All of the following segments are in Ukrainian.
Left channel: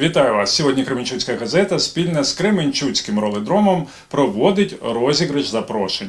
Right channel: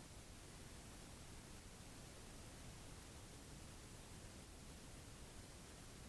Вітаю вас! Сьогодні Кременчуцька газета спільно з Кременчуцьким роледромом проводить розіграш запрошень.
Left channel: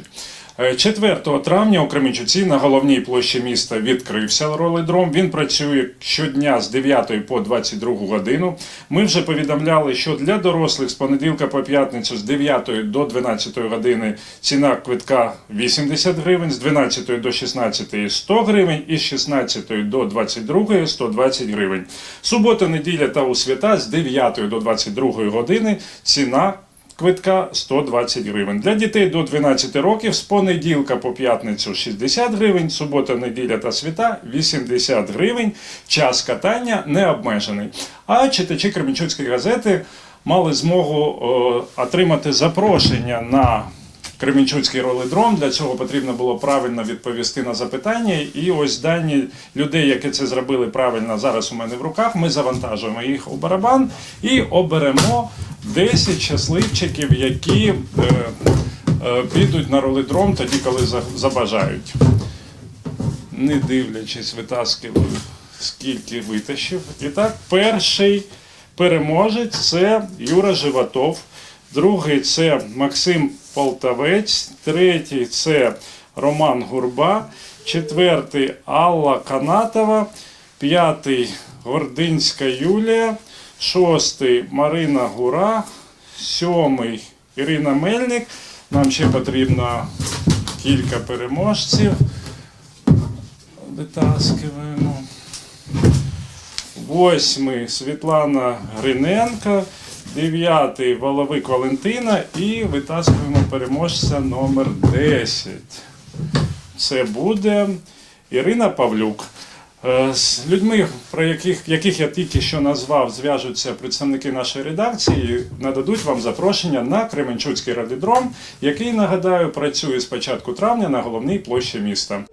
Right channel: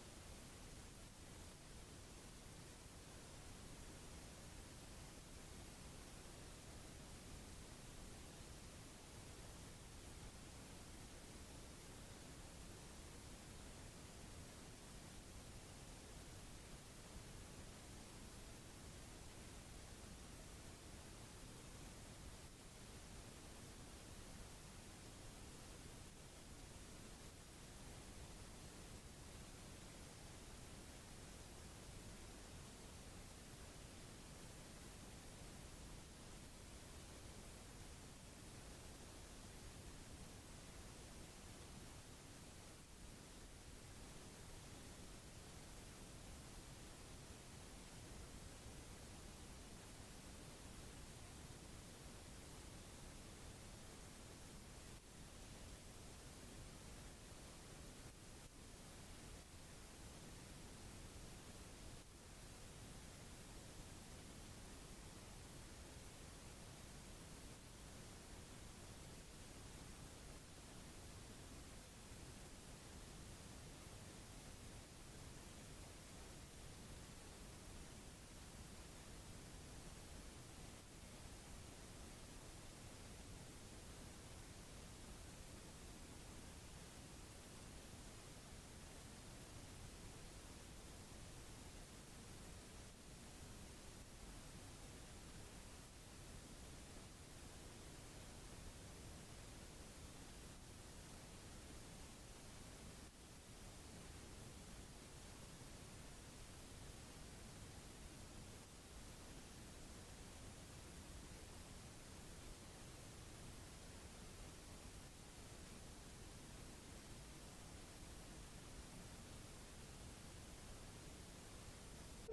Е, 4 травня у Кременчуці на головній площі міста відкрився роледром. Він працює щодня з 9 по 22 годину. Ми вже повідомляли, що для дорослих з понеділка по п'ятницю з 9 до 12 години ціна квитка 80 гривень, з 12 до 16 100 гривень і з 16 до 22 120 гривень. Субота, неділя та у свята з 9 до 22 години ціна квитка 120 гривень. Для дітей до 12 років з понеділка по п'ятницю 60 гривень, субота, неділя та свята 80 гривень. Час катання не обмежений. А читачі Кременчуцької газети мали змогу о, отримати запрошення на Кременчуцький роледром. Для цього потрібно було правильно відповісти на запитання. І ось дані людей, які це зробили правильно, зараз у мене в руках. Ми завантажуємо їх у барабан і оберемо 10 щасливчиків, які е, е, підуть на роледром тоді, коли забажають. Не дивлячись, витаскиваю, скільки витащив. І так, перший переможець це Юра Животов. Другий це Максим Полтавець, третій це Роман Гурба, четвертий Алла Канатова, п'ятий Гординська Юлія, шостий Марина Гура, сьомий Ірина Мельник. Нам ще потрібно кілька переможців. Витаскиваємо. Восьмий Світлана Гриненко, дев'ятий Воловик Валентина і витаскуємо переможця номер 10. Це буде Ірина Павлюк. Е, З людьми, про яких, яких я тільки що назвав, зв'яжуться представники нашої редакції, нададуть вам запрошення на Кременчуцький радідром, який, нагадаю, працює з початку травня на головній площі міста.